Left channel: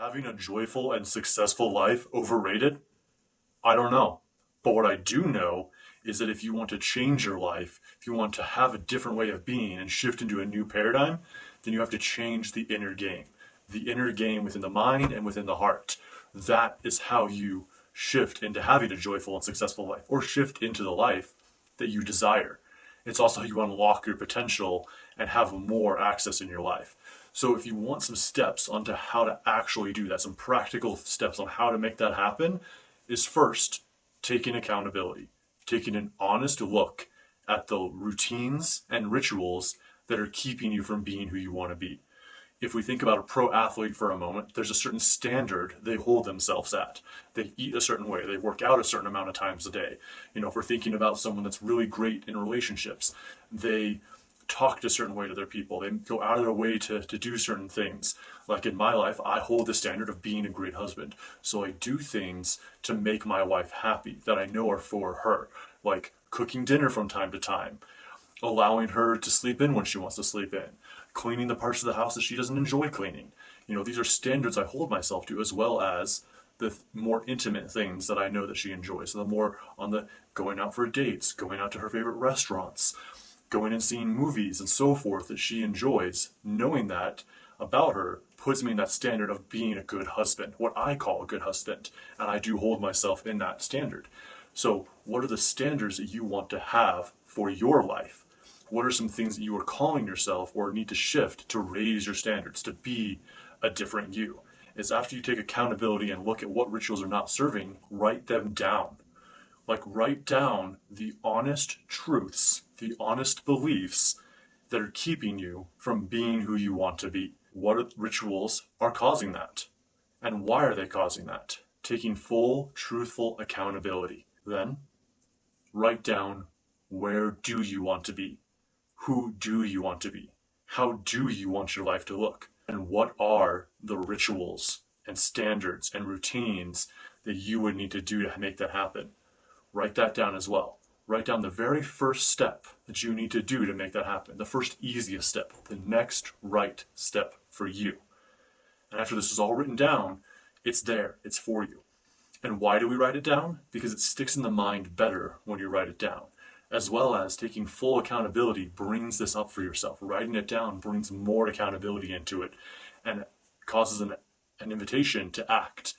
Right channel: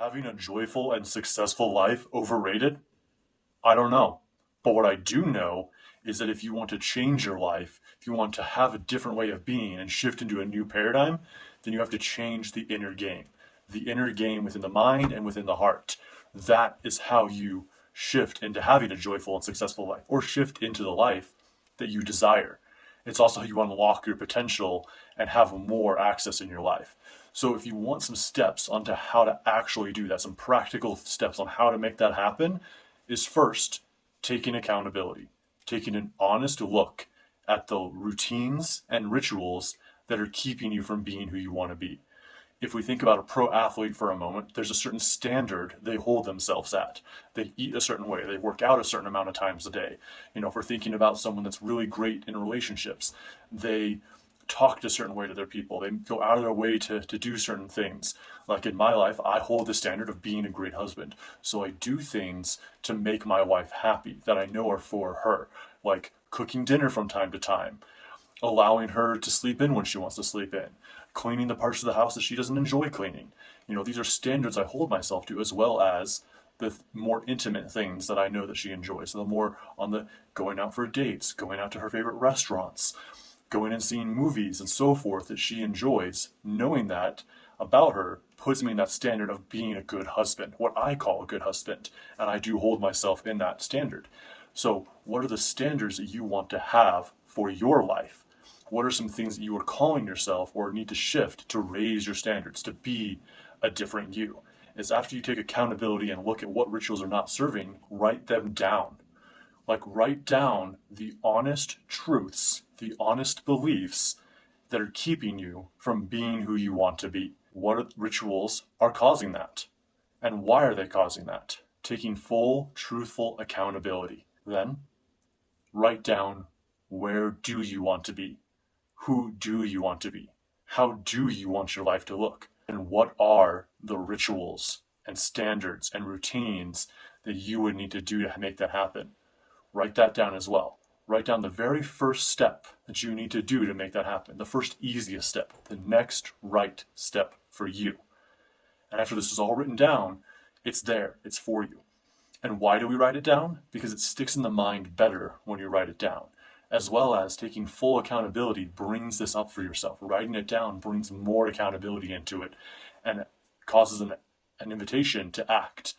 Having a joyful and successful life overrated? I don't know. But what I do know is that if you want to change your life, if you want to have a different way of being and shift into a new paradigm, then you have to change the inner game within the mind and within the heart. That is how you shift into having a joyful and successful life, or shift into the life that you desire. It's also how you unlock your potential and have more access in your life. So if you want some steps onto how to actually do that, some practical steps on how to make that happen, is first taking accountability, taking an honest look at the routines and rituals that are keeping you from being who you want to be. If we think about a pro athlete for a moment, there's a certain standard they hold themselves at. They eat a certain way, they work out a certain amount of times a day. If we're thinking about someone that's really great in relationships, they talk a certain way to their people. They go out of their way to do certain things. Like in my life, I hold the standard of being a great husband. So I do things to make my wife happy that I know are for her, like cooking dinner from time to time, allowing her to sleep in when she wants to sleep in, cleaning the parts of the house that she doesn't enjoy cleaning. These are standards I hold myself to, as well as the more intimate things that I know that she enjoys. So the more on the going out for dates, going out to her favorite restaurants, going and seeing movies and so forth that she enjoys, knowing that about her puts me in that standard of being a good husband, what I call a good husband. And I do hold myself in that standard. So what are the standards that you want to have for your life? What are some things that you are calling yourself or need to shift to raise your standards, to be a different you? Is after you take accountability and look at what rituals are not serving, write them down. Write down the honest truths, the honest beliefs that are keeping you from being who you want to be. What rituals are causing that? And why are they causing that? Taking full, truthful accountability. Then, write down, where do you want to be? Who do you want to be? How do you want your life to look? And what are the rituals and standards and routines that you would need to do to make that happen? Write that down as well. Write down the very first step that you need to do to make that happen. The first easiest step, the next right step for you. And after this is all written down, it's there, it's for you. And why do we write it down? Because it sticks in the mind better when you write it down. As well as taking full accountability brings this up for yourself. Writing it down brings more accountability into it and causes an invitation to act.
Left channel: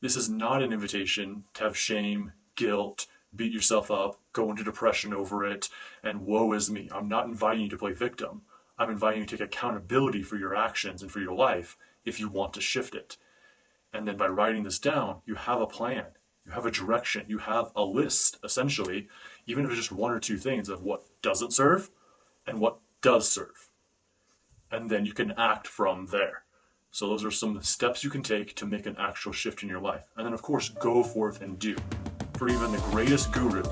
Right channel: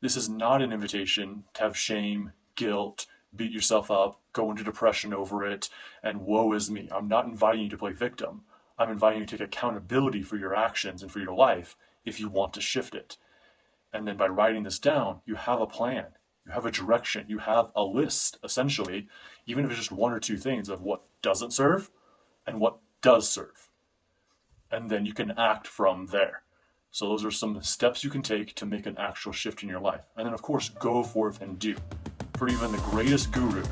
This is not an invitation to have shame, guilt, beat yourself up, go into depression over it, and woe is me. I'm not inviting you to play victim. I'm inviting you to take accountability for your actions and for your life if you want to shift it. And then by writing this down, you have a plan, you have a direction, you have a list, essentially, even if it's just one or two things of what doesn't serve and what does serve. And then you can act from there. So those are some steps you can take to make an actual shift in your life. And then, of course, go forth and do. For even the greatest guru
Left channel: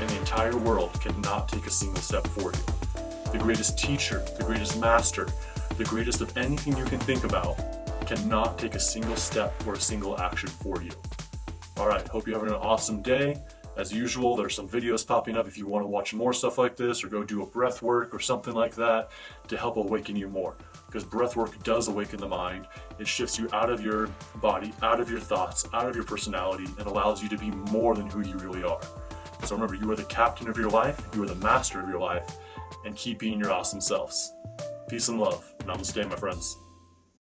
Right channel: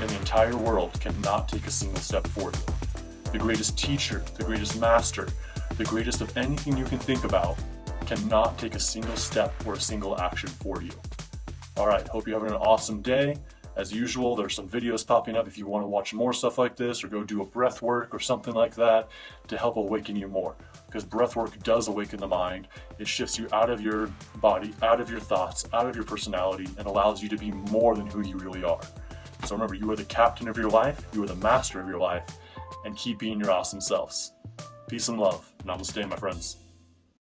in the entire world cannot take a single step for you. The greatest teacher, the greatest master, the greatest of anything you can think about cannot take a single step or a single action for you. All right, hope you're having an awesome day. As usual, there's some videos popping up if you want to watch more stuff like this or go do a breath work or something like that to help awaken you more. Because breath work does awaken the mind. It shifts you out of your body, out of your thoughts, out of your personality, and allows you to be more than who you really are. So remember, you are the captain of your life, you are the master of your life, and keep being your awesome selves. Peace and love. Namaste, my friends.